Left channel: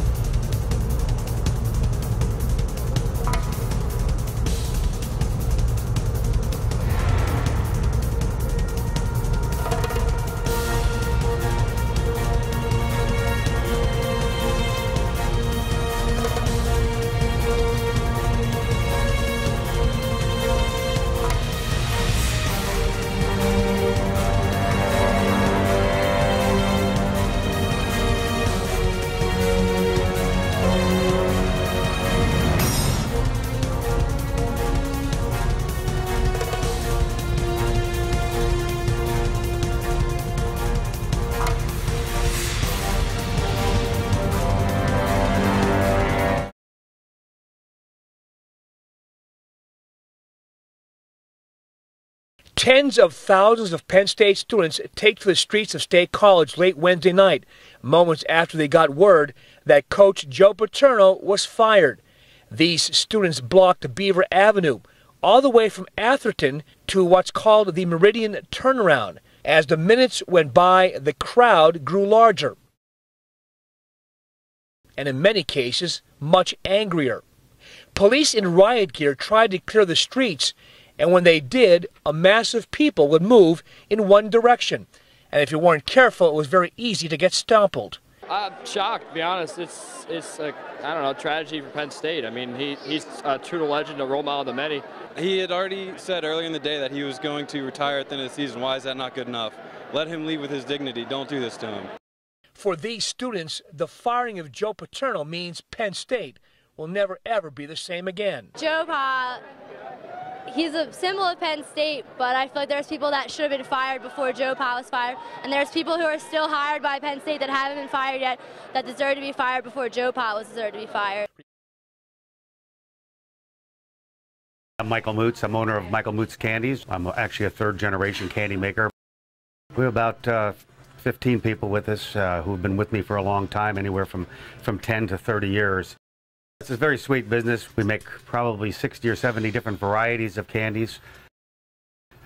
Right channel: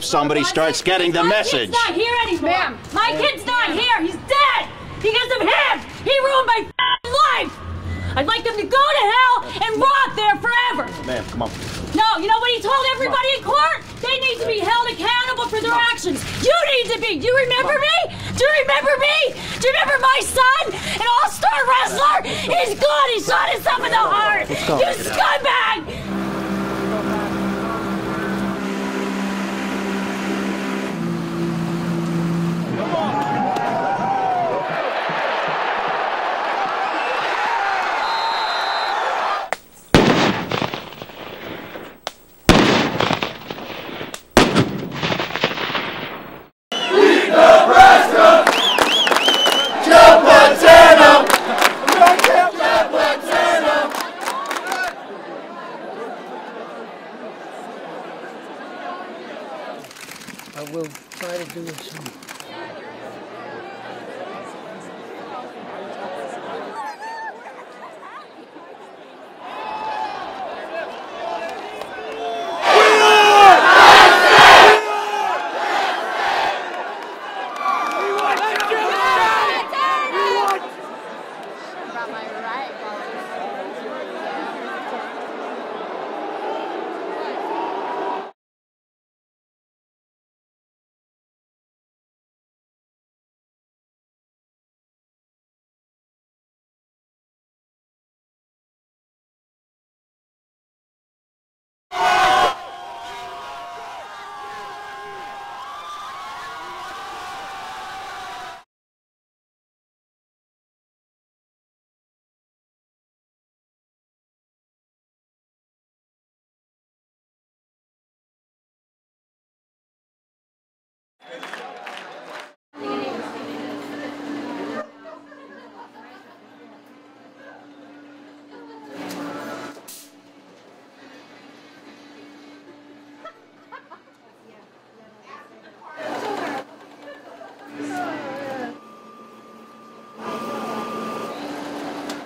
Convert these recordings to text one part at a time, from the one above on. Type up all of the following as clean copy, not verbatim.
hope somebody starts getting the message. My kid's not here anymore. Ma'am, my kid's not here. He's dead. Because of him. He ruined my life. I'd like them to go to hell and rot there forever. Ma'am, come on. No, you know what he told everybody in court? They need to be held accountable for their actions. You need to be. Do you remember me? Do you remember me? Do you remember my son? An all-star wrestler? He's gone. He shot himself in the heart. You scumbag! Tens of thousands of Penn State students take to the streets of State College late Wednesday night, moments after they got word that Coach Joe Paterno was fired. These students blocked Beaver Avenue, all the way from Atherton to what's called the Meridian Turnaround. As the minutes went by, the crowd grew larger, and in many cases, much angrier. Police in riot gear tried to clear the streets, and when they did, a mass of people would move in one direction. And if you weren't careful, it was very easy to get stumbled. I'm shocked, to be honest. It's a, I don't know, tragedy for Penn State. I mean, he's a true legend, a role model to many. He had already said earlier in the day that he was going to retire at the end of the season. Why is that not good enough? Let him leave with his dignity. Don't do this to him. For these students, the firing of Joe Paterno means Penn State will never, ever be the same again. Joe Pa, he's a symbol of Penn State, but I feel like there's people that should have been fired before Joe Pa was fired, and there's people who are still hired by Penn State that haven't been fired yet that deserve to be fired before Joe Pa was deserved to be fired. I'm Michael Moots. I'm owner of Michael Moots Candies. I'm actually a third-generation candy maker. We have about 15 people with us who have been with me for a long time, anywhere from 10 to 30 years. It's a very sweet business. We make probably 60 or 70 different varieties of candies.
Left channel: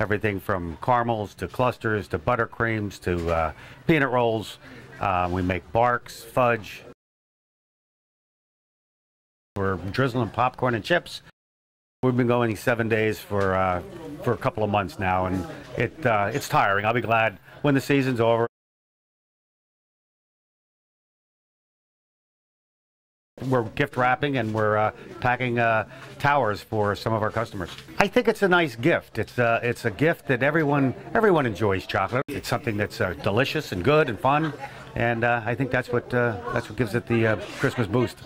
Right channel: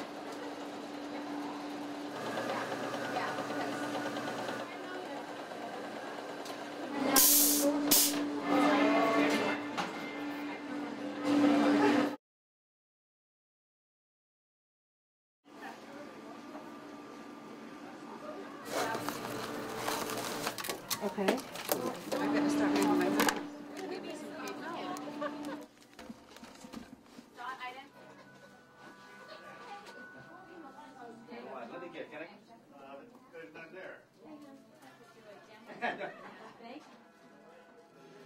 Everything from caramels to clusters to buttercreams to peanut rolls. We make barks, fudge. We're drizzling popcorn and chips. We've been going 7 days for a couple of months now, and it's tiring. I'll be glad when the season's over. Okay. We're gift wrapping and we're packing towers for some of our customers. I think it's a nice gift. It's a gift that everyone enjoys chocolate. It's something that's delicious and good and fun, and I think that's what gives it the Christmas boost.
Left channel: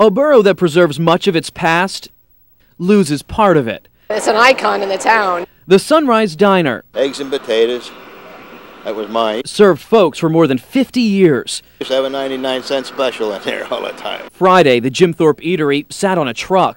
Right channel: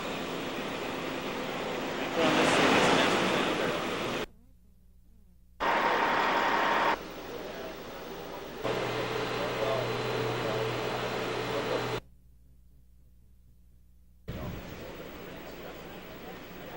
A borough that preserves much of its past loses part of it. It's an icon in the town. The Sunrise Diner. Eggs and potatoes. That was mine. Served folks for more than 50 years. Used to have a 99-cent special in there all the time. Friday, the Jim Thorpe Eatery sat on a truck,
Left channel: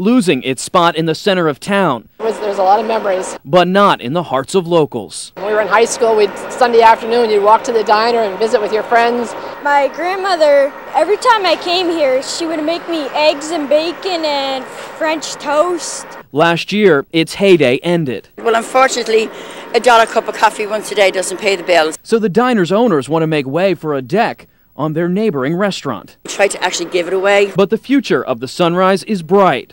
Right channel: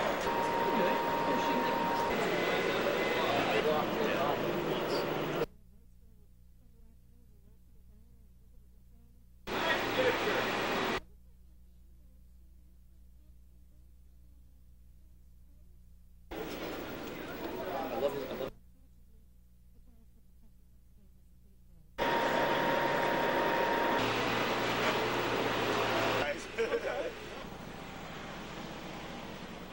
losing its spot in the center of town. There's a lot of memories. But not in the hearts of locals. When we were in high school, Sunday afternoon, you'd walk to the diner and visit with your friends. My grandmother, every time I came here, she would make me eggs and bacon and French toast. Last year, its heyday ended. Well, unfortunately, $1 cup of coffee once a day doesn't pay the bills. So the diner's owners want to make way for a deck on their neighboring restaurant. Try to actually give it away. But the future of the Sunrise is bright.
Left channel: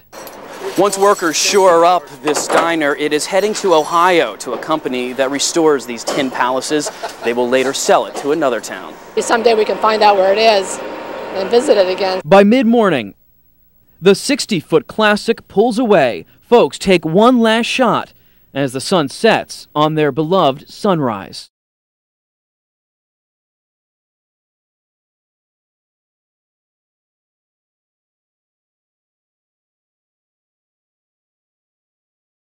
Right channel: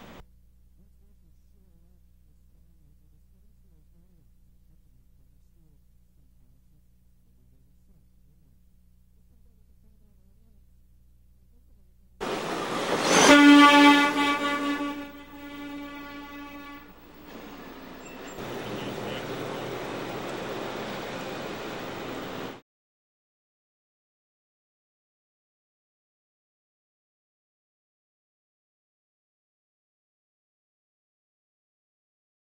Once workers shore up this diner, it is heading to Ohio to a company that restores these tin palaces. They will later sell it to another town. Someday we can find out where it is and visit it again. By mid-morning, the 60-foot classic pulls away. Folks take one last shot as the sun sets on their beloved Sunrise.